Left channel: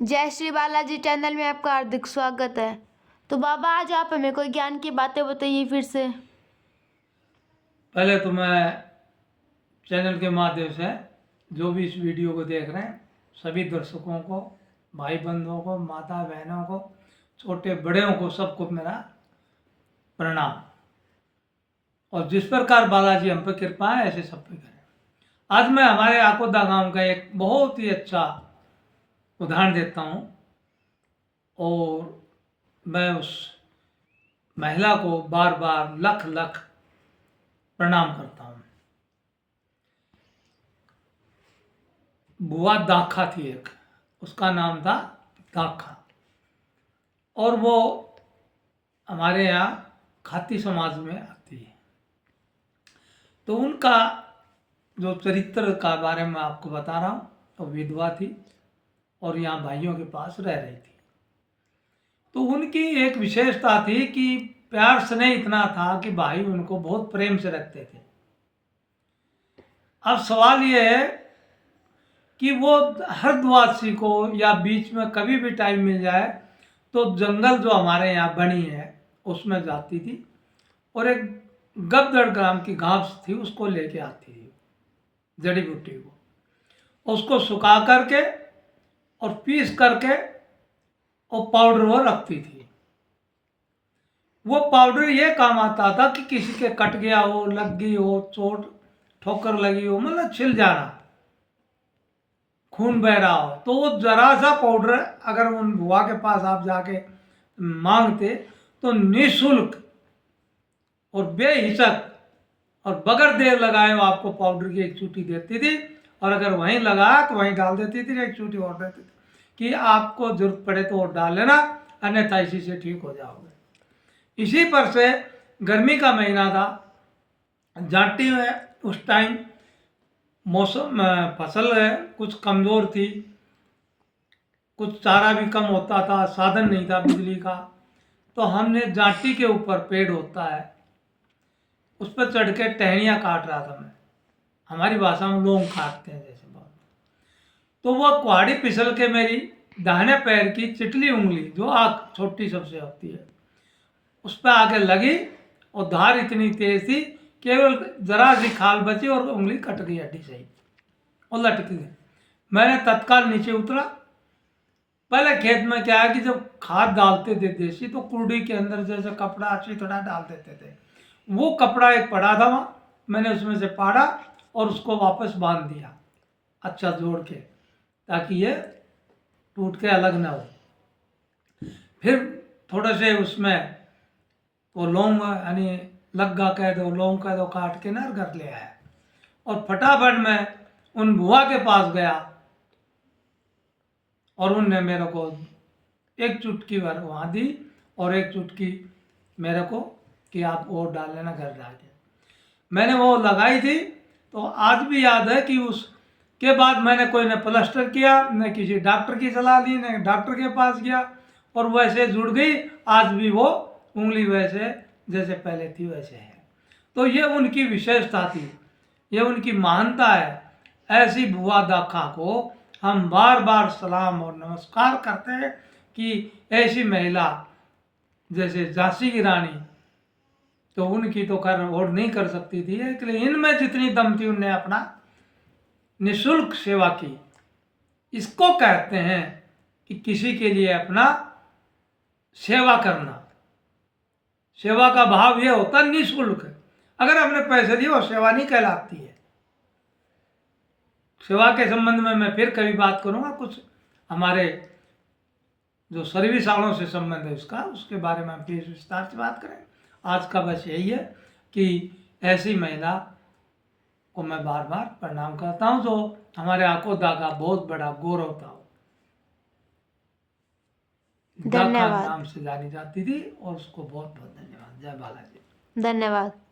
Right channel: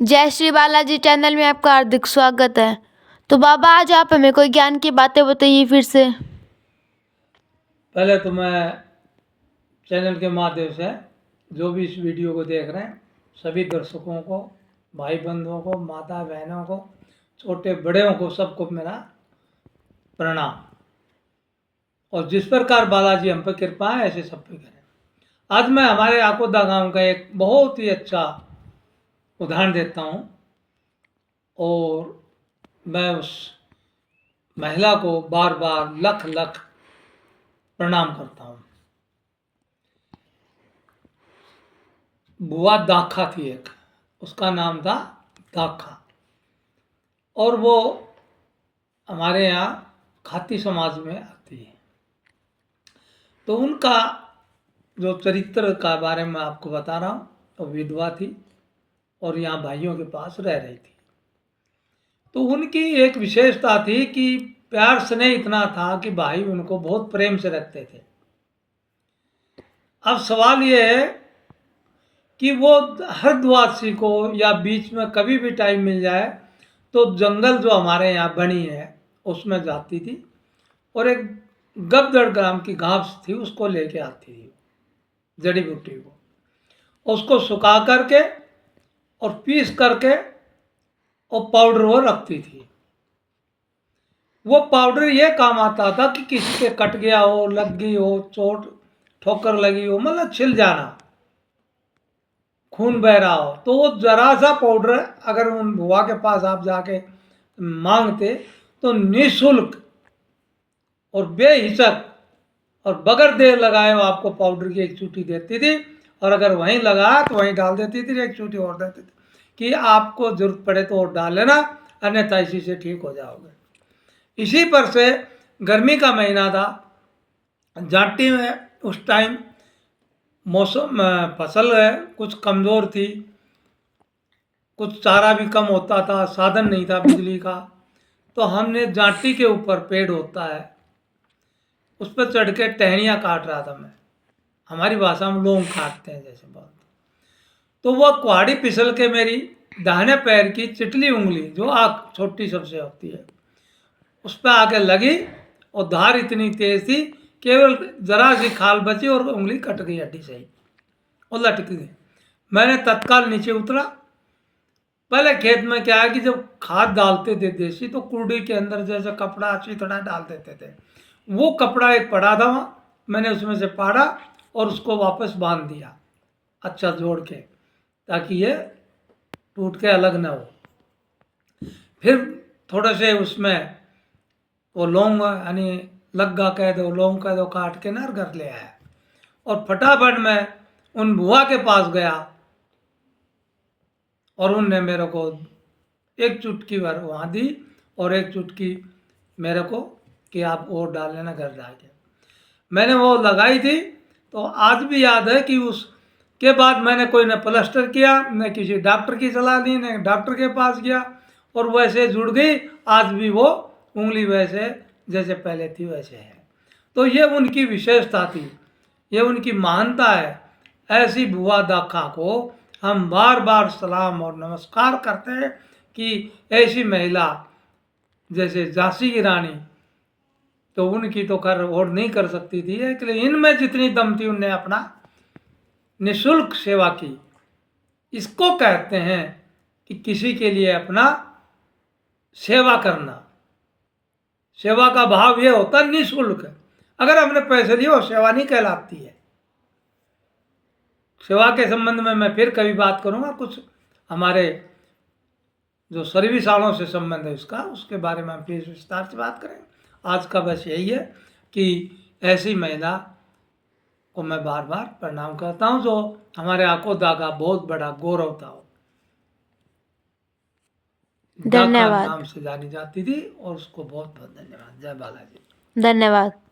जय श्री बालाजी चैनल में आपका हार्दिक स्वागत है। तो बाबा आज आप हमें कोई ज्ञान की बातें बताइए फिर से। पहले तो मैं चैनल के माध्यम से जो भी इस वीडियो को देख रहे हैं सभी दर्शकों को, भाई बंधुओं को, माता बहनों को, छोटे बड़ों को, सबको मेरा प्रणाम। और जिस प्रकार बालाजी हम पर कृपा है ऐसे सब पे करें। आज मैं हमारे आकोदा गांव का एक बहुत ही अच्छा उदाहरण देता हूँ और मैं उस महिला को बार बार लख लख प्रणाम करता हूँ। बुआ दाखा थी एक, उसका नाम था दाखा, और वो हमारे यहाँ खाती समाज में आती है। तो उनका जो चरित्र का बारे में आपको बता रहा हूँ, तो विधवा थी और यहाँ भाइयों के पास रह रही थी। तो उनकी एक विशेषता थी कि प्यार स्नेह इतना था कि भाई उनको बहुत प्रेम से रखते थे। अब सवाल ये है कि वो हरिद्वासी को या बीच में कभी भी टाइम मिल जाए तो जंगल जो हमारे यहाँ बनी है उसमें जाती थी और एक गबदड़ ग्राम की घास थी उसको लेके आती थी, जड़ी बूटी को, उसको सुखा करके और पीस करके और पाउडर वो रखती थी। वो पाउडर ये काम आता था कि किसी के कट गया हो, लग गई हो चोट, ठोकर लगी हो, मतलब छिल जाना, खून बह रहा हो, तो वो जरा सा पाउडर अगर उन बुआ के पास आप जाके मांगते तो निःशुल्क और बेहिचक और बगैर देर लगाए वो आपको पाउडर की एक चूटी देती थी। और अगर वहीं लगाया तो वहीं डाल देती थी, एक चूटी और देती थी कि आपको जरूरत पड़े तो और डाल लेना, अन्यथा इसी से ठीक हो जाओगे। इसी पर से गर्मी का महीना था, जाटी में उस टाइम मौसम फसल है कुछ कमज़ोर थी, कुछ चारा भी कम होता था, साधन नहीं था बिजली का। तो हमने जाटी के ऊपर पेड़ होता है उस पर चढ़ के टहनियाँ काट रहा था मैं, हमारी भाषा में लोग काटते हैं जैसे बात। तो वह कुहाड़ी फिसल के मेरी दाहिने पैर की चिटली उंगली जो आँख छोटी सबसे होती है उस पर आके लगी और धार इतनी तेज थी केवल जरा सी खाल बची और उंगली कट गई हड्डी सही और लटक गई। मैंने तत्काल नीचे उतरा। पहले खेत में क्या है कि जब खाद डालते थे देसी तो कुर्डी के अंदर जैसे कपड़ा अच्छी तरह डाल देते थे, वो कपड़ा एक पड़ा था वहाँ, मैंने उसमें से पाड़ा और उसको वापस बांध दिया अच्छा जोड़ के, ताकि ये टूट के अलग ना हो। फिर थोड़े से उसमें वो लौंग यानी लग्गा कह दो, लौंग कह दो, काट के ना घर ले आया और फटाफट मैं उन बुआ के पास गया और उनने मेरे को एक चुटकी भर वहाँ दी और एक चुटकी मेरे को कि आप और डाल लेना घर जाके। मैंने वो लगाई थी तो आज भी याद है कि उसके बाद मैंने कोई न प्लास्टर किया, न किसी डॉक्टर की सलाह ली, न डॉक्टर के पास गया और वैसे जुड़ गई। आज भी वो उंगली वैसे जैसे पहले थी वैसे है। तो ये उनकी विशेषता थी, ये उनकी महानता है। ऐसी बुआ दाखा को हम बार बार सलाम और नमस्कार करते हैं कि ऐसी महिला जैसे झांसी की रानी, तो उनकी तो कर और नहीं कर सकती थी, इसलिए इनमें जितनी दम थी उनने अपना निःशुल्क सेवा की। इसको कहते हैं कि किसी के लिए अपना सेवा करना। सेवा का भाव ये होता है निःशुल्क। अगर हमने पैसे लिए वो सेवा नहीं कहलाती है। सेवा के संबंध में मैं फिर कभी बात करूंगा, कुछ हमारे जो सर्विस वालों से संबंध है उसका, उसके बारे में हम फिर विस्तार से बात करें। आज का बस यही है कि ऐसी महिला को मैं बार बार प्रणाम करता हूँ जो हमारे आकोदा का बहुत बड़ा गौरव था। दाखा धन्यवाद। नाम से जानी जाती थी और उसको बहुत बहुत धन्यवाद। जय बालाजी। धन्यवाद।